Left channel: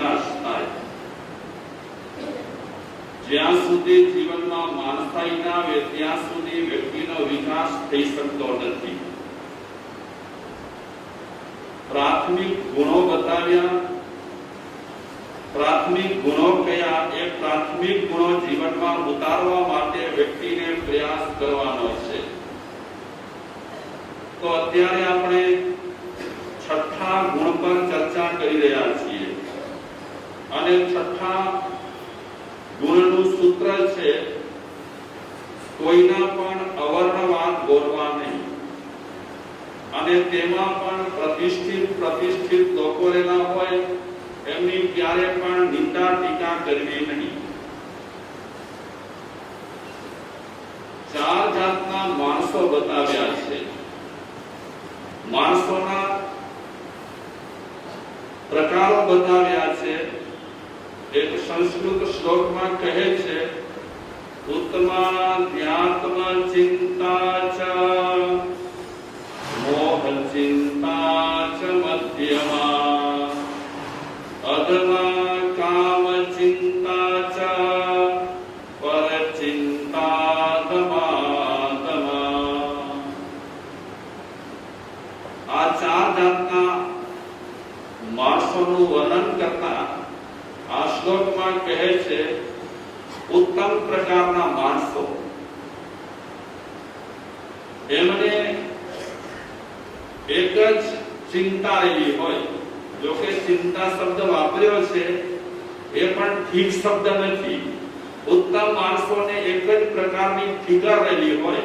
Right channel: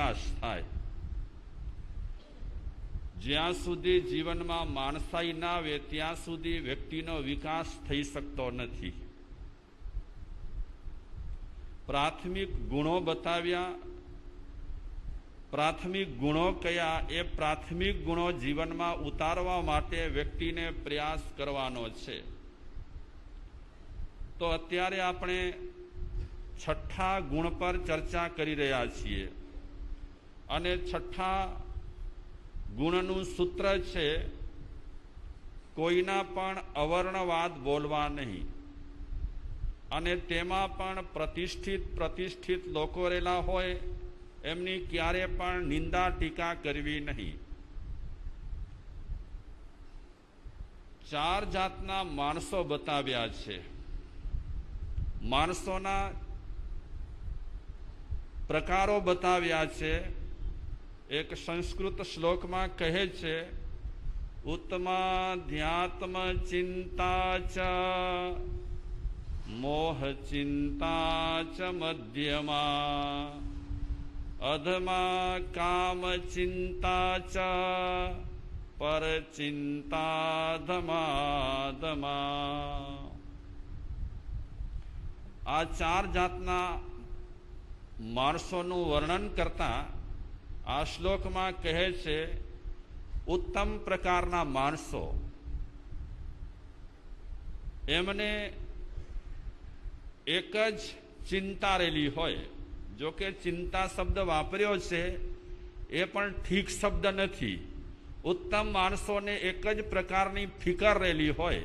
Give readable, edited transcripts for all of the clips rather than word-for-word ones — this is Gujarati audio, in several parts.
વિકાસ થાય. જ્યાં સુધી જીવનમાં માણસાઈ ના આવે ત્યાં સુધી વ્યક્તિનો વિકાસ થઈ શકતો નથી. પ્રાથમિક ગુણો બતાવ્યા. પ્રાથમિક ગુણો કયા? એ પ્રાથમિક ગુણો જીવનમાં ઉતારવા માટે વ્યક્તિને પ્રયાસ કરવાનો છે. તો અત્યારે આપણે છઠ્ઠા ગુણ પર ચર્ચા કરી રહ્યા છીએ અને છઠ્ઠા ગુણનું સૂત્ર છે કોઈના પણ અવર્ણવાદ બોલવા નહીં અને તેમાં પણ પ્રતિષ્ઠિત લોકો રહેલા હોય એમની ક્યારે પણ નિંદા ટીકા કરવી નહીં. ચાર જાતના માણસો બતાવ્યા છે. માણસોના પ્રકારો બતાવ્યા છે. એક સંસ્કૃત શ્લોકમાં કહે છે ઉત્તમાધ્યાત્મ ચિંતા ચ મોહ ચિંતા ચ મધ્યમા અધમા કામ ચિંતા ચ પર ચિંતા ધમા. આ ચાર જાતના માણસોનું વર્ણન કરતા આ શ્લોકમાં કહે છે ઉત્તમ પ્રકારના માણસો એમને એક જ ચિંતા રહેલી હોય. જો કે ચિંતા શબ્દ વાપર્યો છે એ પણ ઠીક શબ્દ નથી. ઉત્તમ માણસોને એક જ પ્રકારની ફિકર રહેલી હોય.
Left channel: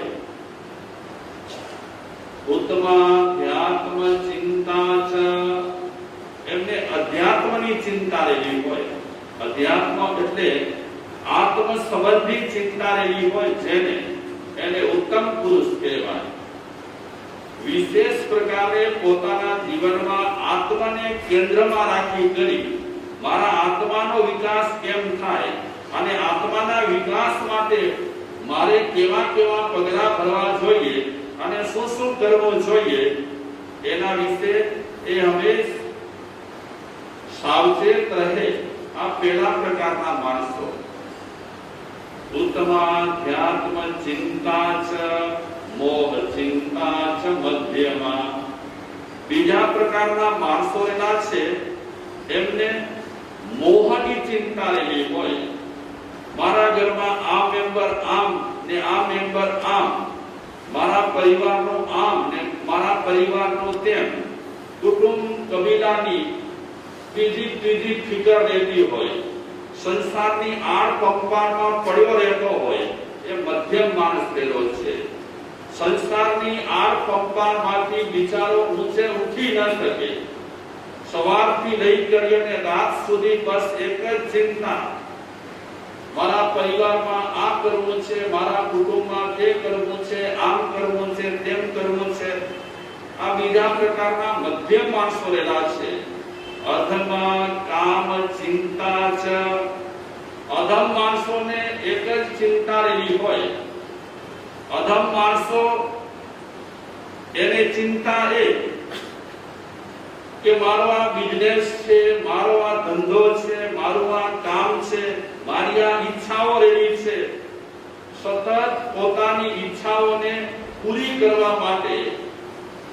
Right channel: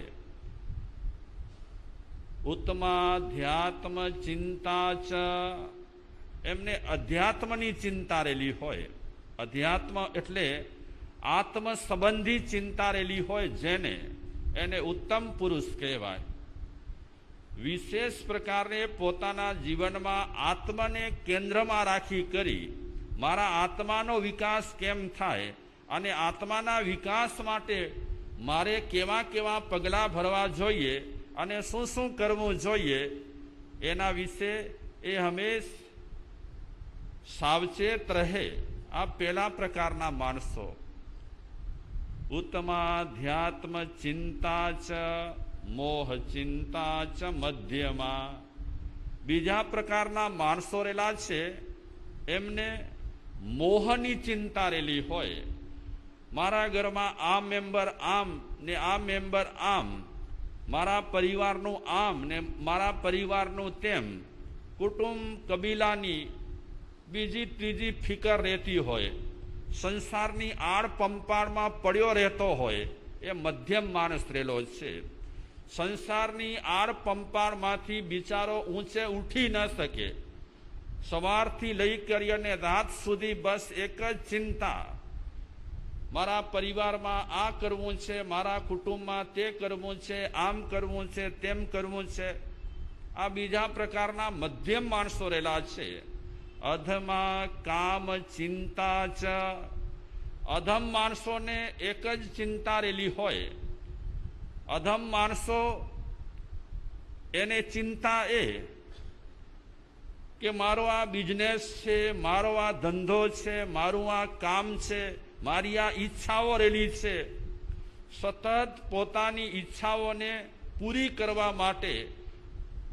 ઉત્તમાધ્યાત્મ ચિંતા ચ એમને અધ્યાત્મની ચિંતા રહેલી હોય. અધ્યાત્મ એટલે આત્મ સંબંધી ચિંતા રહેલી હોય જેને એને ઉત્તમ પુરુષ કહેવાય. વિશેષ પ્રકારે પોતાના જીવનમાં આત્માને કેન્દ્રમાં રાખી કરી મારા આત્માનો વિકાસ કેમ થાય અને આત્માના વિકાસ માટે મારે કેવા કેવા પગલાં ભરવા જોઈએ અને શું શું કરવું જોઈએ એના વિશે એ હંમેશા સાવચેત રહે. આ પેલા પ્રકારના માણસો. ઉત્તમાધ્યાત્મ ચિંતા ચ મોહ ચિંતા ચ મધ્યમા. બીજા પ્રકારના માણસો એના છે એમને મોહની ચિંતા રહેલી હોય. મારા ઘરમાં આ મેમ્બર આમ ને આ મેમ્બર આમ, મારા પરિવારનો આમ ને મારા પરિવારનો તેમ, કુટુંબ કબીલાની બીજી ત્રીજી ફિકર રહેતી હોય. સંસારની આડ પંપાળમાં પડ્યો રહેતો હોય એ મધ્યમ માણસ રહેલો છે. સંસારની આડ પંપાળમાંથી બિચારો ઊંચે ઉઠી ન શકે. સવારથી લઈ કરીને રાત સુધી બસ એક જ ચિંતા, મારા પરિવારમાં આ કરવું છે, મારા કુટુંબમાં તે કરવું છે, આમ કરવું છે, તેમ કરવું છે. આ બીજા પ્રકારના મધ્યમ માણસો રહેલા છે. અધમા કામ ચિંતા ચ. અધમ માણસોને એક જ ચિંતા રહેલી હોય. અધમ માણસો એને ચિંતા એ કે મારો આ બિઝનેસ છે, મારો આ ધંધો છે, મારું આ કામ છે, મારી આ ઈચ્છાઓ રહેલી છે. સતત પોતાની ઈચ્છાઓને પૂરી કરવા માટે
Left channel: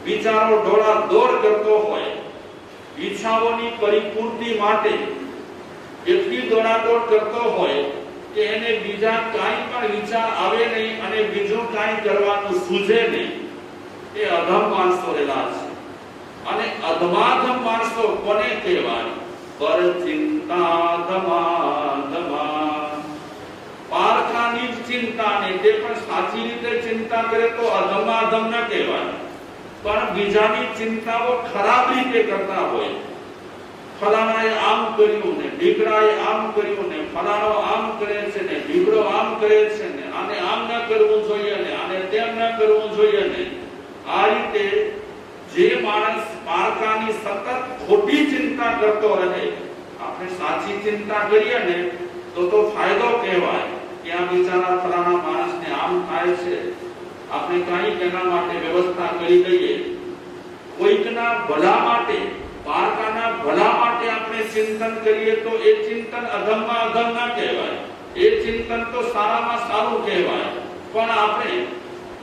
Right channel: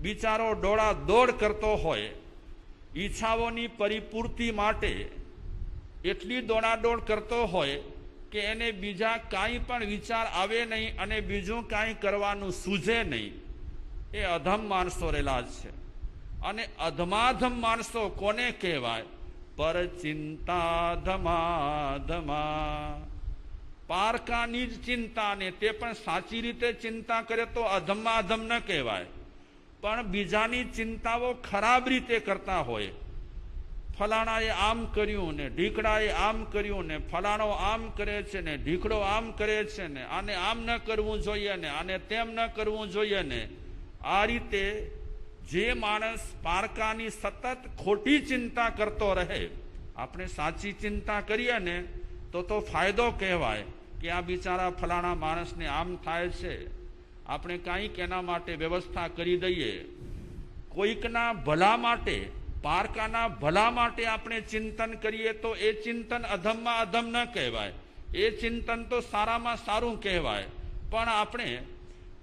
વિચારો દોડા દોડ કરતો હોય. ઈચ્છાઓની પરિપૂર્તિ માટે એટલી દોડાદોડ કરતો હોય કે એને બીજા કાંઈ પણ વિચાર આવે નહીં અને બીજું કાંઈ કરવાનું સૂઝે નહીં. એ અધમ માણસો રહેલા છે. અને અધમાધમ માણસો કોને કહેવાય? પર ચિંતા ધમા. પારખાની ચિંતા ને તે પણ સાચી રીતે ચિંતા કરે તો અધમાધમ ન કહેવાય. પણ બીજાની ચિંતાઓ ખરાબ રીતે કરતા હોય. ફલાણાએ આમ કર્યું ને ઢીકડાએ આમ કર્યું ને ફલાણો આમ કરે છે ને ઢીકડો આમ કરે છે ને આને આમ ન કરવું જોઈએ ને આને તેમ ન કરવું જોઈએ ને. આ રીતે જે માણસ પારકાની સતત ખોટી ચિંતા કરતો રહે, આપણે સાચી ચિંતા કરીએ ને તો ફાયદો કહેવાય કે આ બિચારા ફલાણા માણસને આમ થાય છે, આપણે કાંઈક એના માટે વ્યવસ્થા કરી દઈએ. કોઈકના ભલા માટે પારકાના ભલા માટે આપણે ચિંતન કરીએ તો એ ચિંતન અધમમાં અધમ ના કહેવાય, એ ચિંતન તો સારામાં સારું કહેવાય. પણ આપણે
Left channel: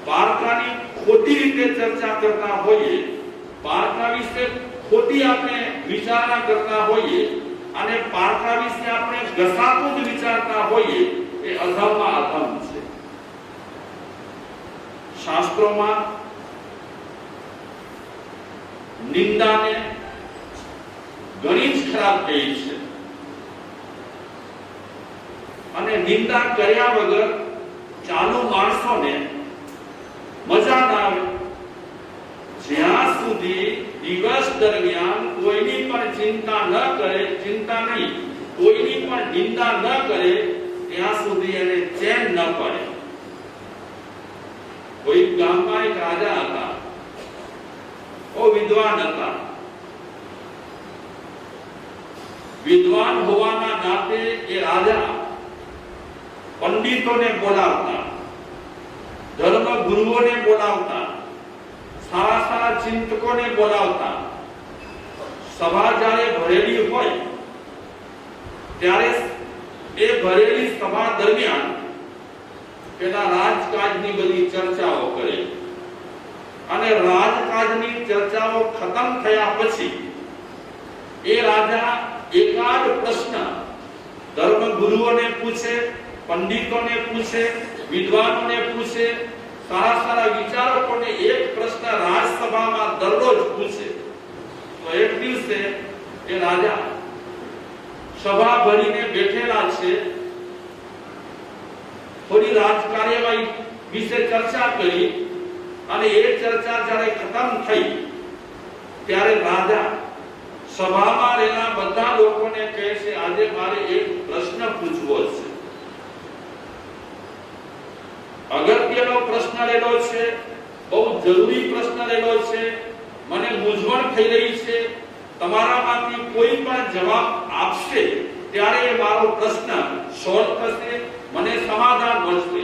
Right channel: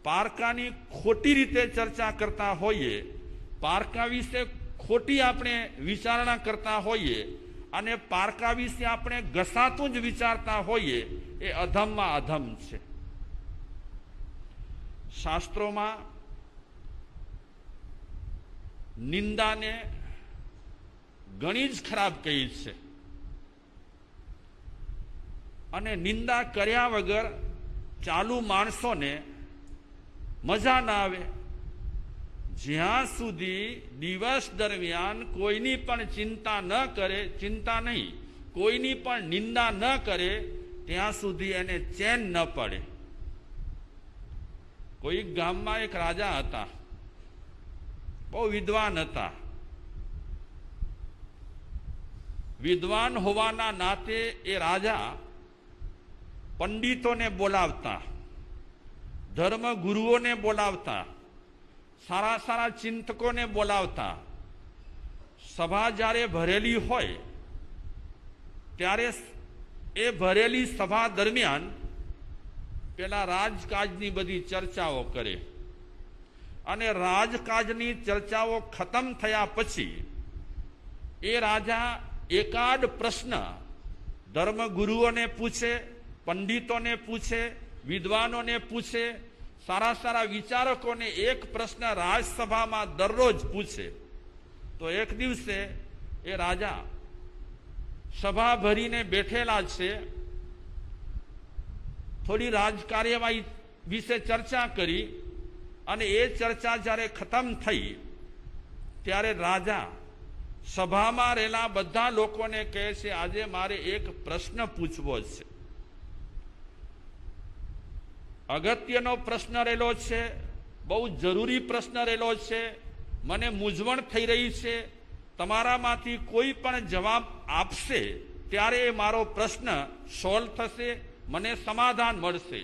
પારકાની ખોટી રીતે ચર્ચા કરતા હોઈએ, પારકા વિશે ખોટી આપણે વિચારણા કરતા હોઈએ અને પારકા વિશે આપણે ઘસાતું જ વિચારતા હોઈએ, એ અધમમાં અધમ છે. શાસ્ત્રોમાં નિંદાને ઘણી જ ખરાબ કહી છે અને નિંદા કર્યા વગર ચાલુ માણસોને મજા ના આવે. જ્યાં સુધી દિવસ દરમિયાન કોઈની પણ ચિંતા ન કરે, ચિંતા નહીં, કોઈની પણ નિંદા ન કરે, ત્યાં સુધી એને ચેન ન પડે. કોઈ ગામમાં એક રાજા હતા, બહુ વિદ્વાન હતા. વિદ્વાન હોવાના નાતે એ રાજા પંડિતોને બોલાવતા, ધર્મ ગુરુઓને બોલાવતા, સારા સારા ચિંતકોને બોલાવતા. સભા જ્યારે ભરેલી હોય ત્યારે એ ભરેલી સભા દરમિયાન પેલા રાજકાજની બધી ચર્ચાઓ કરે અને રાજકાજની ચર્ચાઓ ખતમ થયા પછી એ રાજા એકાદ પ્રશ્ન ધર્મ ગુરુઓને પૂછે, પંડિતોને પૂછે, વિદ્વાનોને પૂછે, સારા સારા વિચારકોને એક પ્રશ્ન રાજસભામાં દરરોજ પૂછે. તો એક દિવસે એ રાજા સભા ભરીને બેઠેલા છે, થોડી રાજકાર્યવાહી વિશે ચર્ચા કરી અને એ ચર્ચા જ્યારે ખતમ થઈ ત્યારે રાજા સભામાં રહેલા બધા લોકોને કહે છે, આજે મારે એક પ્રશ્ન પૂછવો છે. અગત્યનો પ્રશ્ન રહેલો છે, બહુ જરૂરી પ્રશ્ન રહેલો છે, મને મૂંઝવણ થઈ રહી છે. તમારામાંથી કોઈ પણ જવાબ આપશે ત્યારે મારો પ્રશ્ન સોલ્વ થશે, મને સમાધાન મળશે.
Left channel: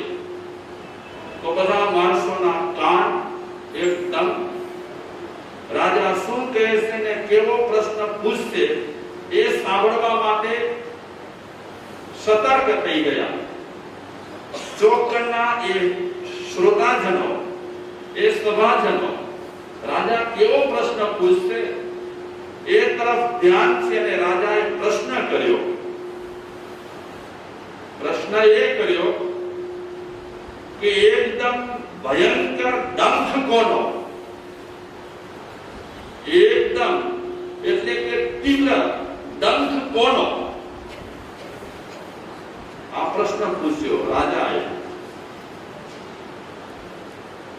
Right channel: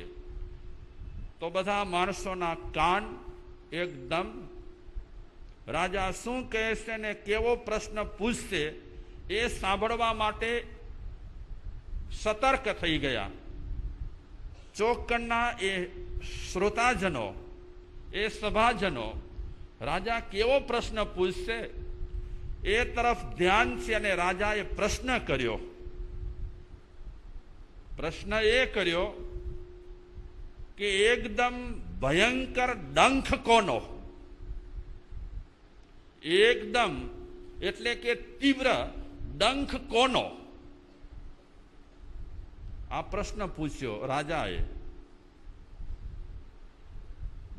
તો બધા માણસોના કાન એકદમ રાજા શું કહે છે ને કેવો પ્રશ્ન પૂછશે એ સાંભળવા માટે સતર્ક થઈ ગયા. ચોકના એ શ્રોતાજનો, એ સભાજનો રાજા કેવો પ્રશ્ન પૂછશે એ તરફ ધ્યાન છે અને રાજાએ પ્રશ્ન કર્યો. પ્રશ્ન એ કર્યો કે એકદમ ભયંકર ડંખ કોનો? એકદમ એટલે કે તીવ્ર ડંખ કોનો? આ પ્રશ્ન પૂછ્યો રાજાએ.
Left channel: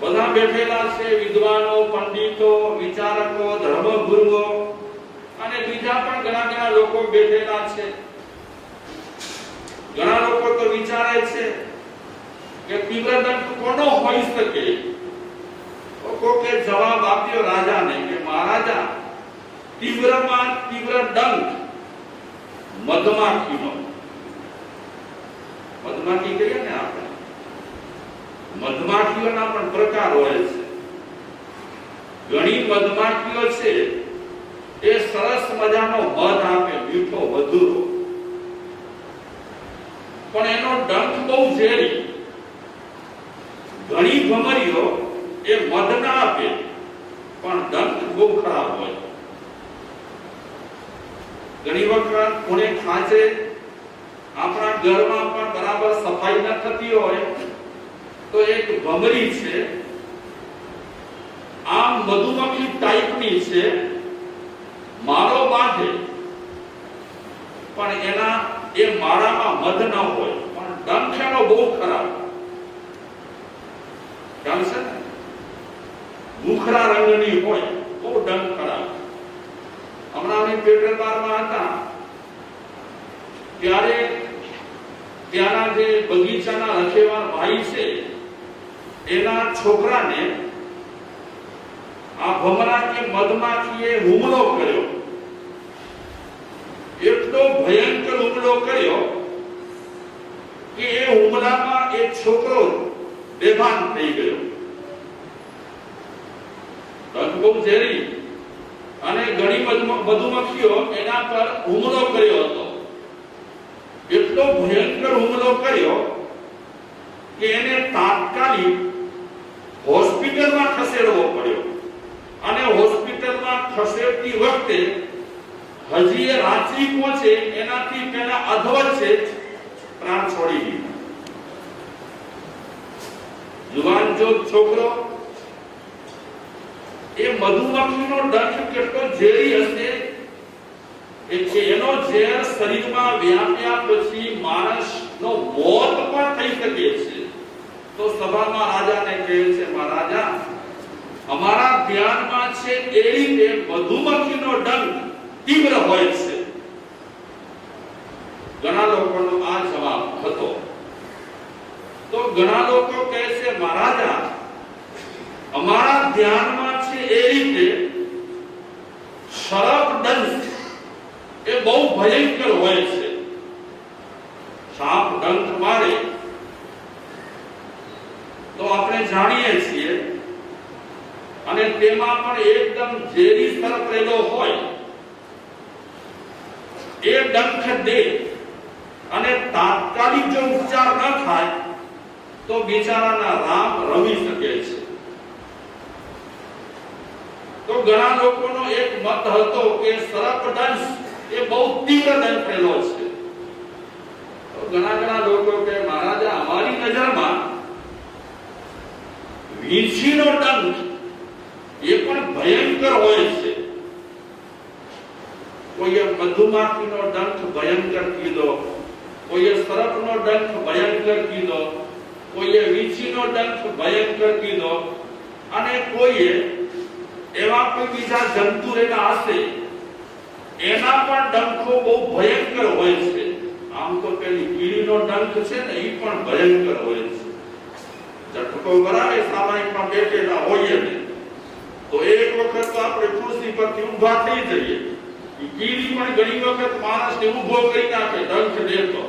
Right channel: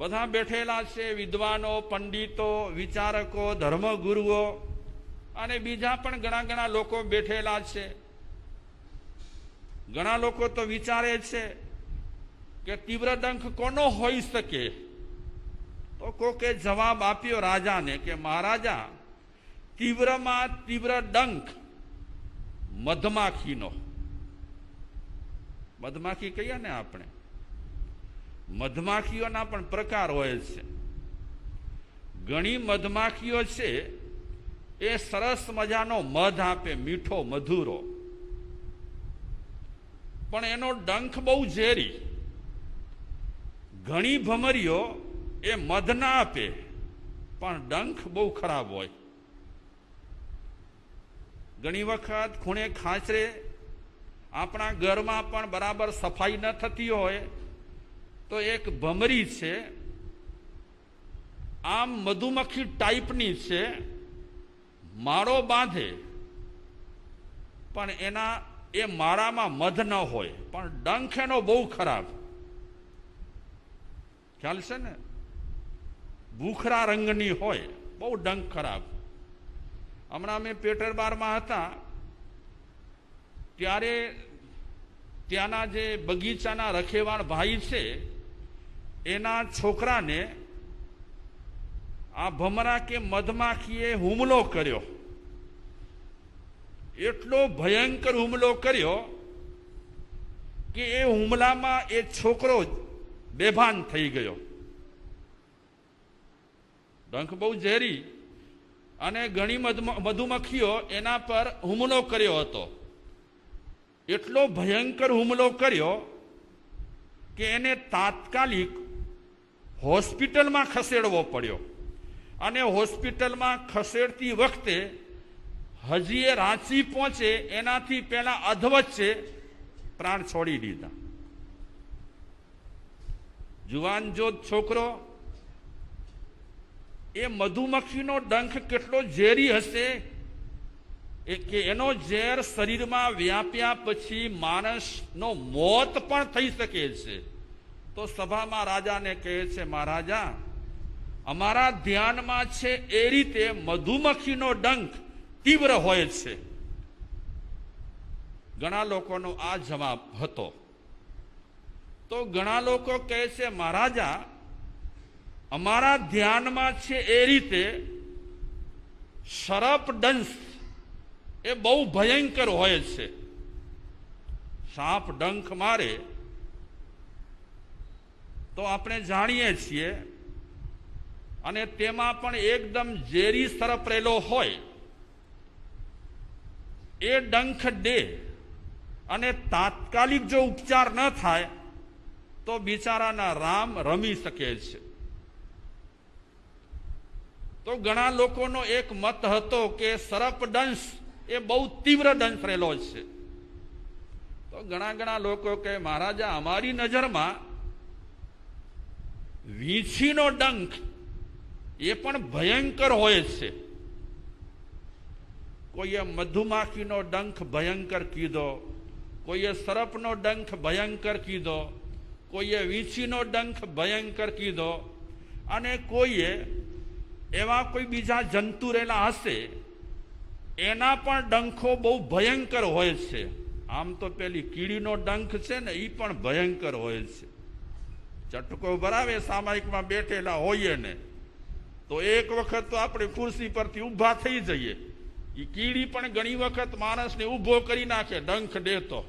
બધા બેઠેલા છે, વિદ્વાનો, પંડિતો, વિચારકો, ધર્મગુરુઓ અને બીજા પણ ઘણા ઘણા લોકો બેઠેલા છે. ઘણા લોકો તો વિચારે છે કે તીવ્ર દંખ કોનો હોઈ શકે? કોકે જવાબ આપ્યો રાજાને કે મહારાજા, તીવ્રમાં તીવ્ર ડંખ મધમાખીનો. મધમાખી કહીએ ને આપણે, મધમાખીઓના પણ પ્રકાર હોય છે. ઘણી મધમાખીઓ છે એ સરસ મજાનો મધ આપે, મીઠો મધુરો, પણ એનો ડંખ બહુ ઝેરી. ઘણી ભમરીઓ એ મધ ના આપે પણ ડંખ બહુ ખરાબ હોય. ઘણી વખત કોણે ખાંચે આપણા ઘરમાં પણ બરાબર સફાઈ ન થતી હોય તો એક ભમરી છે, આમ મધુમક્ખી ટાઈપની છે, માળો બાંધે પણ એના એ માળામાં મધ ન હોય પણ ડંખ એનો બહુ ખરાબ. ખ્યાલ છે ને? મુખરા રંગની હોય, બહુ ડંખ ખરાબ. હમણાં અમે પેટ્રોલ બારમાં હતા ત્યારે ત્યાંના જે બગીચાના રખેવાળ ભાઈ છે એના છોકરાને આ ભમરા કે મધમાખીએ હુમલો કર્યો. એટલો ભયંકર હુમલો કર્યો કે એ હુમલામાં એક છોકરો બેભાન થઈ ગયો. બહુ ઝેરી અને ઘણી મધુમક્ખીઓ એના પર હુમલો કર્યો હતો. એટલો ભયંકર હુમલો કર્યો કે એને તાત્કાલિક હોસ્પિટલમાં ખસેડવો પડ્યો. અને હોસ્પિટલમાં ખસેડતી વખતે હજી એ રાંચી પહોંચે એનાથી પહેલા અધવચ્ચે પ્રાણ છોડી દીધા. જુવાન જો છોકરો, એ મધુમક્ખીનો ડંખ કેટલો ઝેરી હશે કે એનો ઝેર શરીરમાં વ્યાપ્યા પછી માણસનો મોત પણ થઈ શકે છે. તો સભામાં રાજાને કહે છે, મહારાજા, અમારા ધ્યાનમાં છે એ રીતે મધુમક્ખીનો ડંખ તીવ્ર હોય છે. ઘણા લોકોનો આ જવાબ હતો. તો ઘણા લોકો કહે છે, મહારાજા, અમારા ધ્યાનમાં છે એ રીતે સર્પ દંશ એ બહુ ભયંકર હોય છે. સાપ ડંખ મારે તો આપણે જાણીએ છીએ, અને તેમાં પણ એકદમ ઝેરી સર્પ રહેલો હોય. એ ડંખ દે અને તાત્કાલિક જો ઉપચાર ન થાય તો બિચારાના રામ રમી શકે છે. તો ઘણા લોકોનો એક મત હતો કે સર્પદંશ એ બહુ તીવ્ર દંશ રહેલો છે. તો ઘણા લોકો કે મહારાજા, અમારી નજરમાં વીંછીનો ડંખ એ પણ ભયંકર હોય છે. કોઈએ મધુમાખીનો ડંખ ભયંકર કીધો, કોઈએ સર્પનો ડંખ ભયંકર કીધો, કોઈએ વીંછીનો ડંખ ભયંકર કીધો, અને કોઈએ એવા કોઈ બીજા જંતુ એના હશે એના પણ ડંખો બહુ ભયંકર હોય છે. આમ તો પેલી કીડીનો ડંખ છે ને, એ પણ ભયંકર હોય છે. ઝટકો બરાબર સામાયિકમાં બેઠેલા હોઈએ ને તો એક વખત તો આપણે ખુરશી પરથી ઊભા થઈ જઈએ. કીડી પણ ઘણી વખત માણસને ઊભો કરી નાખે ડંખ દેતો.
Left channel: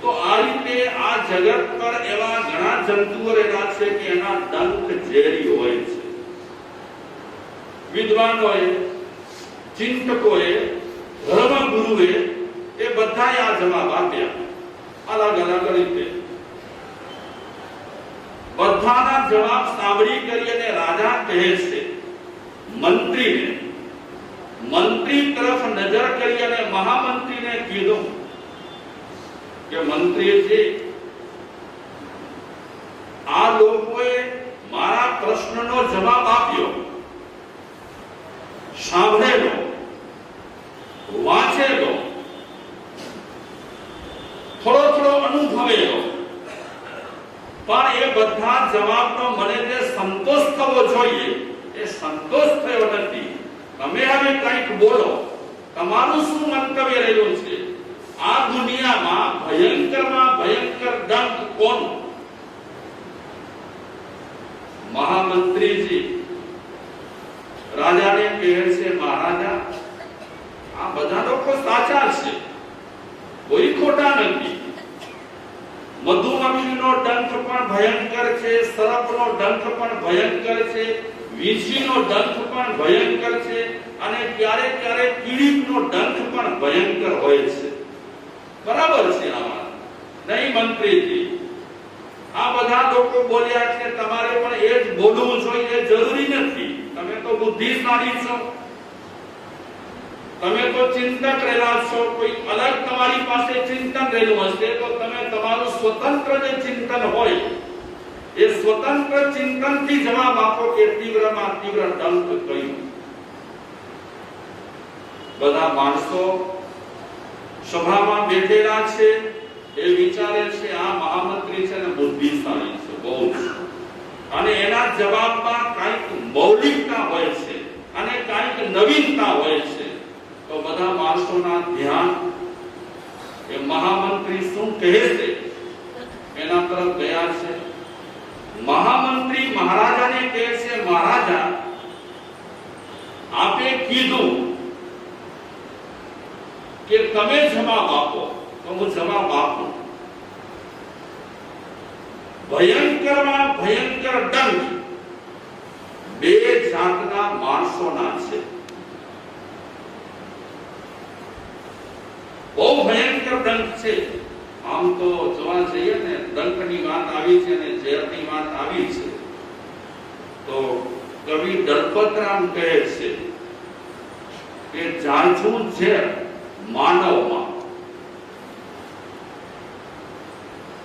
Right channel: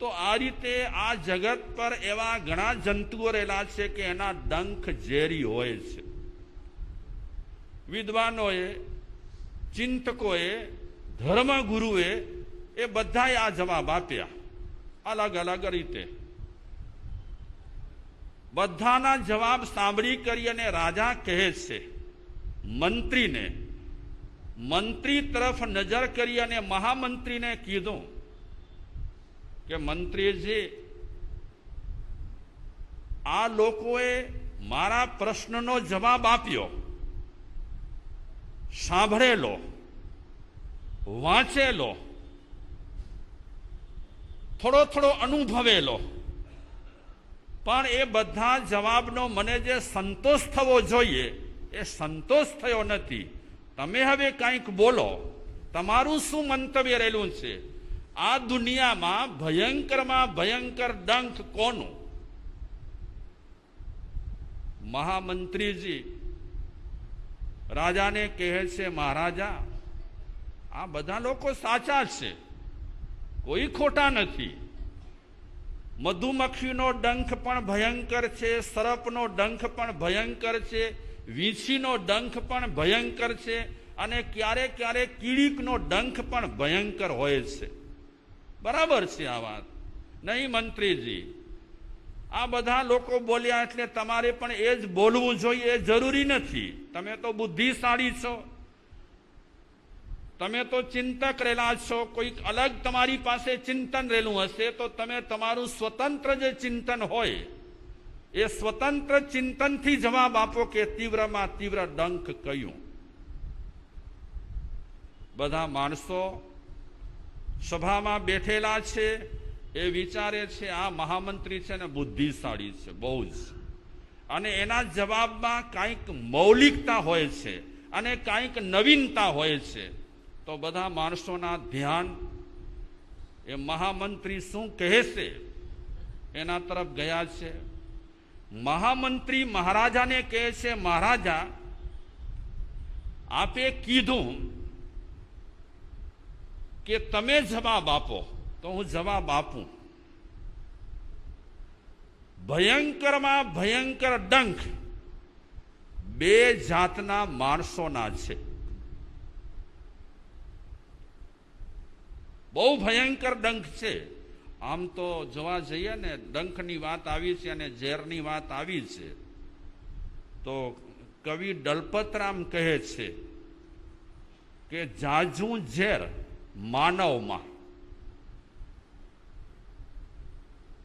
તો આ રીતે આ જગત પર એવા ઘણા જંતુઓ રહેલા છે કે એના ડંખ ઝેરી હોય છે. વિદ્વાનોએ, ચિંતકોએ, ધર્મગુરુએ એ બધાએ આ જવાબ આપ્યા અલગ અલગ રીતે. બધાના જવાબ સાંભળી કરીને રાજા કહે છે મંત્રીને, મંત્રી તરફ નજર કરી અને મહામંત્રીને કીધું કે મંત્રીજી, આ લોકોએ મારા પ્રશ્નનો જવાબ આપ્યો, સાંભળેલો, વાંચેલો, થોડો અનુભવેલો, પણ એ બધા જવાબનો મને જે સંતોષ થવો જોઈએ એ સંતોષ થયો નથી. તમે હવે કંઈક બોલો, તમારું શું મંતવ્ય રહ્યું છે? આ દુનિયામાં ભયંકરમાં ભયંકર ડંખ કોણ? મહામંત્રીજી રાજાને કહે છે, મહારાજા, આ બધા લોકો સાચા છે, કોઈ ખોટા નથી. મધુમક્ખીનો ડંખ પણ ભયંકર છે, સર્પનો ડંખ પણ ભયંકર છે, વીંછીનો ડંખ પણ ભયંકર છે, અને ક્યારેક ક્યારેક કીડીનો ડંખ પણ ભયંકર હોય છે. બરાબર છે આમાં નહીં મંત્રીજી? આ બધા લોકો બોલ્યા છે, તમારે પણ એ જ બોલવું જોઈએ, જરૂરી નથી. તમે તો બુદ્ધિશાળી છો, તમે તો ચિંતક રહેલા છો. કોઈ અલગ તમારી પાસે ચિંતન રહેલું હશે તો તમે તમારું સ્વતંત્ર જે ચિંતન હોય એ સ્વતંત્ર ચિંતનથી જવાબ આપો કે તીવ્રમાં તીવ્ર ડંખ કયું. બધા માણસો સભામાં બેઠેલા છે એ વિચારે છે આ મહામંત્રી છે ને બુદ્ધિશાળી છે બહુ જ, અને એના જવાબમાં કંઈક મૌલિકતા હોય છે અને કંઈક નવીનતા હોય છે. તો બધા માણસોના ધ્યાન એ મહામંત્રી શું કહે છે એના તરફ ગયા છે. મહામંત્રી મહારાજાને કહે છે, મહારાજા, આપે કીધું કે તમે જવાબ આપો તો હું જવાબ આપું. ભયંકરમાં ભયંકર ડંખ બે જાતના માણસોના છે. ડંખ છે. આમ તો જોવા જઈએ ને ડંખની વાત આવી છે અને ઝેરની વાત આવી છે, તો કવિ દલપતરામ કહે છે કે જાજુ ઝેર માનવમાં.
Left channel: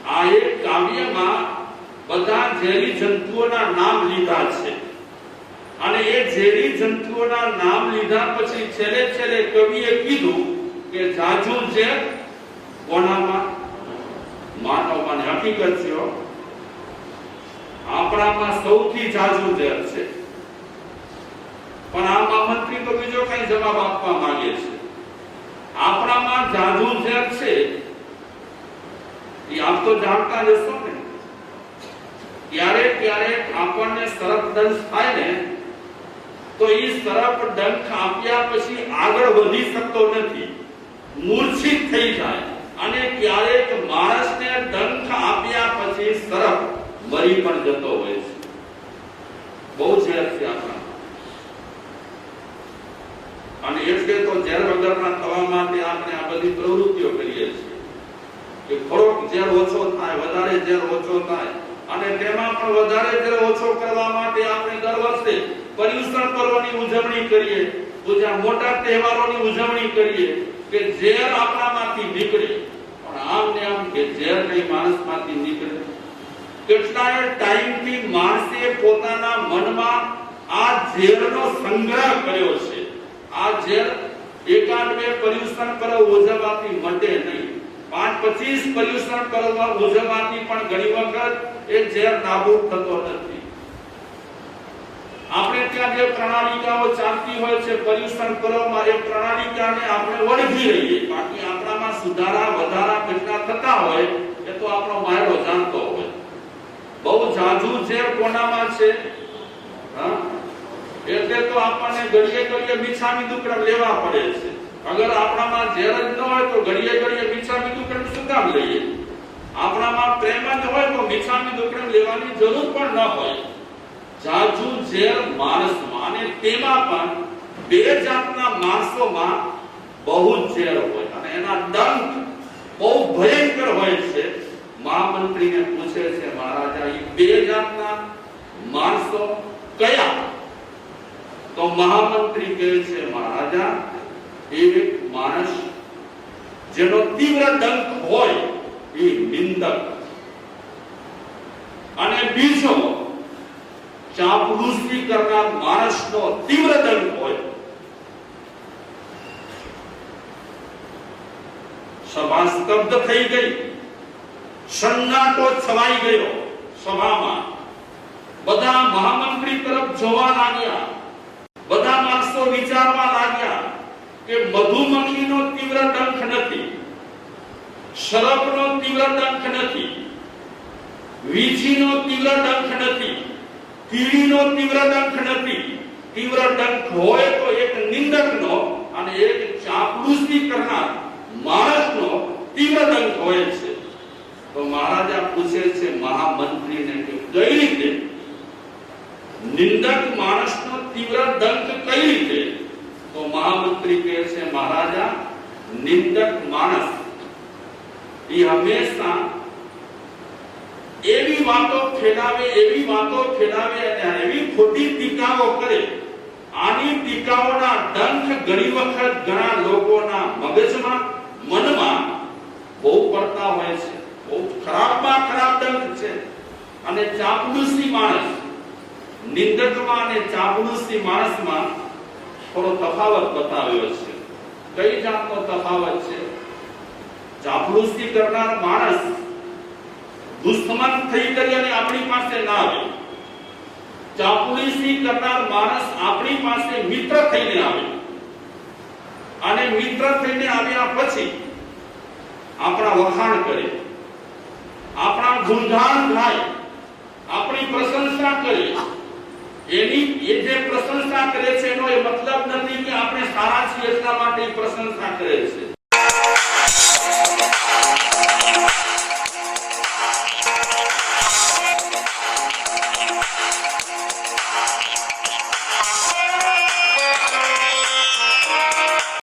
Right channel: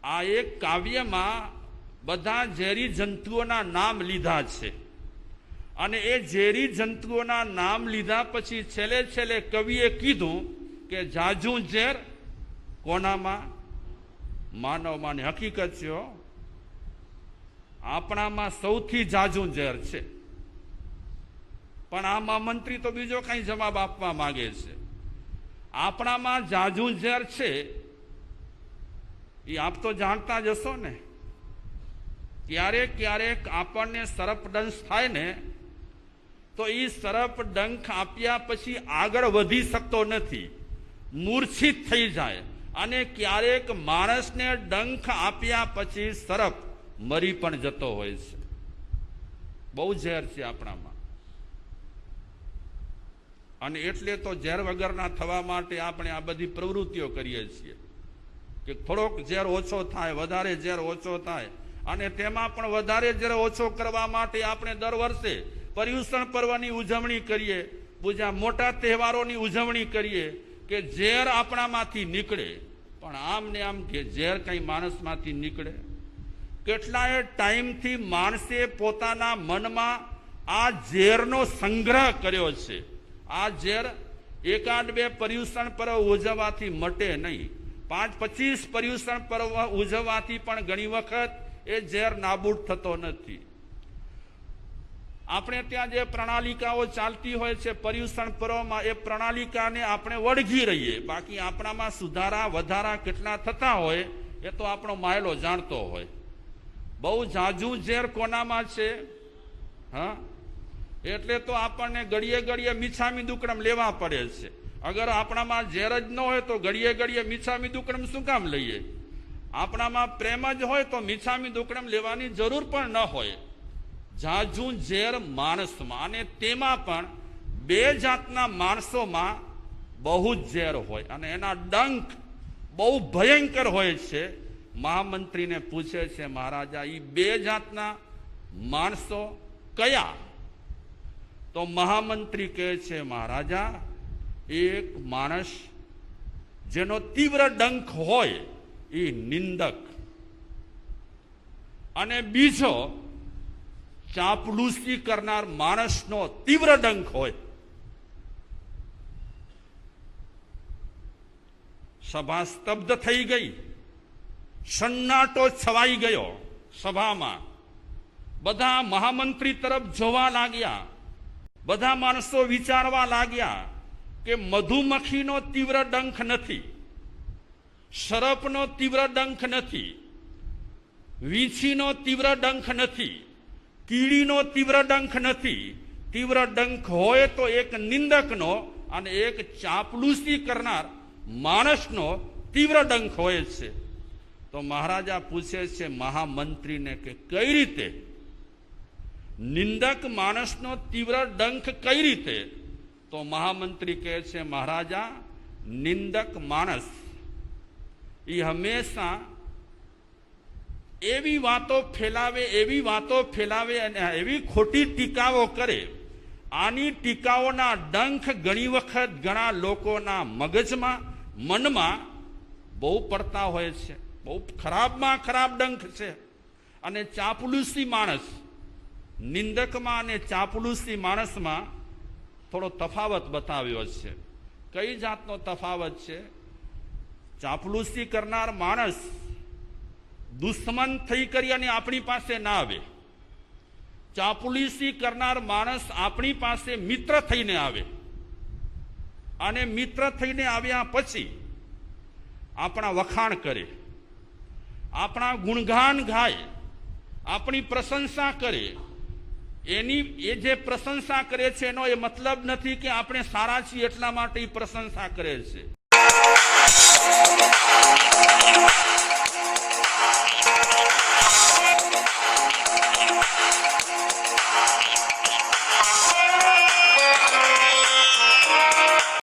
આ એક કાવ્યમાં બધા ઝેરી જંતુઓના નામ લીધા છે અને એ ઝેરી જંતુઓના નામ લીધા પછી છેલ્લે છેલ્લે કવિએ કીધું કે જાજુ ઝેર કોનામાં? માનવમાં. હકીકત છે આપણામાં સૌથી જાજુ ઝેર છે, પણ આ મહામંત્રી તો બીજો કઈ જવાબ આપવા માંગે છે. આપણામાં જાજુ ઝેર છે એ આપ તો જાણતા જશો ને. ક્યારેક ક્યારેક આપણને સરપ દંશ થાય ને તો એ સરપ ડંખ આપ્યા પછી આગળ વધી શકતો નથી, મૂર્છિત થઈ જાય. અને ક્યારેક માણસને ડંખ આપ્યા પછી સરપ મરી પણ જતો હોય છે. બહુ ઝેર છે આપણા. અને એટલે તો ઝેર વગરના થવા માટે આપણે આ બધી પ્રવૃત્તિઓ કરીએ છીએ કે થોડોક ઝેર ઓછો થાય, વધારે ઝેર ઓછો થાય. અને તેમાં પણ વધારે ઝેર ઓછો કરવા માટે આપણે દર વર્ષે પર્યુષણ પર્વની ઉજવણી કરીએ, બીજા મોટા તહેવારોની ઉજવણી કરીએ કે ઝેર આપણામાંથી નીકળે. પણ આમ ને આમ કે ઝેર કઈ માણસમાંથી નીકળે? કેટલાય ટાઈમથી માણસે પોતાના મનમાં આ ઝેરનો સંગ્રહ કર્યો છે. આ ઝેર એકાદ બે પર્યુષણ પર્વ ઉજવવાથી મટે નહીં, 5-25 પર્યુષણ પર્વ ઉજવવાથી પણ ઘણી વખત એ ઝેર નાબૂદ થતો નથી. આપણે ત્યાં જે પ્રણાલિકાઓ ચાલતી હોય છે પર્યુષણ પર્વમાં, એ પ્રણાલિકાને આપણે વળગી રહીએ. બાકી આપણામાં સુધારા વધારા કેટલા થતા હોય એ તો આપણો માયરો જાણતો હોય. બહુ જાજુ ઝેર કોનામાં છે? હા, એટલે તો આપણને ઘડીએ ઘડીએ મિચ્છામી દુક્કડમ લેવા પડે છે. અગર આપણામાં ઝેર જ ન હોય તો ઘડીએ ઘડીએ મિચ્છામી દુક્કડમ શું કામ લઈએ? આપણામાં પ્રેમ જ હોય તો મિચ્છામી દુક્કડમ લેવાની જરૂર પણ ન હોય. જાજુ ઝેર માણસમાં, અને તેમાં પણ બે જાતના માણસોમાં બહુ જ ઝેર હોય અને એના ડંખ બહુ ભયંકર હોય છે. મહામંત્રીને પૂછે છે મહારાજા, એ બે જાતના માણસો કયા? તો મહામંત્રી કહે છે મહારાજા, એક માણસ જેનો તીવ્ર ડંખ હોય એ નિંદક, અને બીજો ચાપલુસી કરનાર માણસનો તીવ્ર ડંખ હોય. સભા સ્તબ્ધ થઈ ગઈ, સન્નાટો છવાઈ ગયો સભામાં. બધા મહામંત્રી તરફ જોવા લાગ્યા. બધા માણસો વિચારવા લાગ્યા કે મધુમક્ખીનો તીવ્ર ડંખ નથી, સરપનો તીવ્ર ડંખ નથી, વીછીનો તીવ્ર ડંખ નથી, કીડીનો તીવ્ર ડંખ નથી. તીવ્ર ડંખ હોય તો એક નિંદકનો અને એક ચાપલુસી કરનાર માણસનો તીવ્ર ડંખ હોય છે. તો મહારાજા પૂછે છે મહામંત્રીને કે કઈ રીતે નિંદક માણસનો તીવ્ર ડંખ કઈ રીતે? તો મહામંત્રી કહે છે મહારાજા, નિંદક માણસ એ હંમેશા એવી વાતો ફેલાવે અને એવી ખોટી ટીકાઓ કરે. આની ટીકાઓના ડંખ ઘણી વખત ઘણા લોકોના મગજમાં, મનમાં બહુ પડતા હોય છે. બહુ ખરાબમાં ખરાબ ડંખ છે. અને ચાપલુસી માણસ, નિંદકમાં અને ચાપલુસી માણસમાં થોડો તફાવત બતાવ્યો છે. કઈ જાતનો તફાવત છે? ચાપલુસી કરનાર માણસ દુશ્મન થઈ કરી અને આપણી પાસે ના આવે. ચાપલુસી કરનાર માણસ આપણી પાસે મિત્ર થઈને આવે, અને મિત્ર થઈને આવ્યા પછી આપણા વખાણ કરે, આપણા ગુણગાન ગાય, આપણી પ્રશંસા કરે. એની એ જે પ્રશંસા કરે છે એનો એ મતલબ નથી કે આપણે સારા છીએ એટલા માટે પ્રશંસા કરે છે.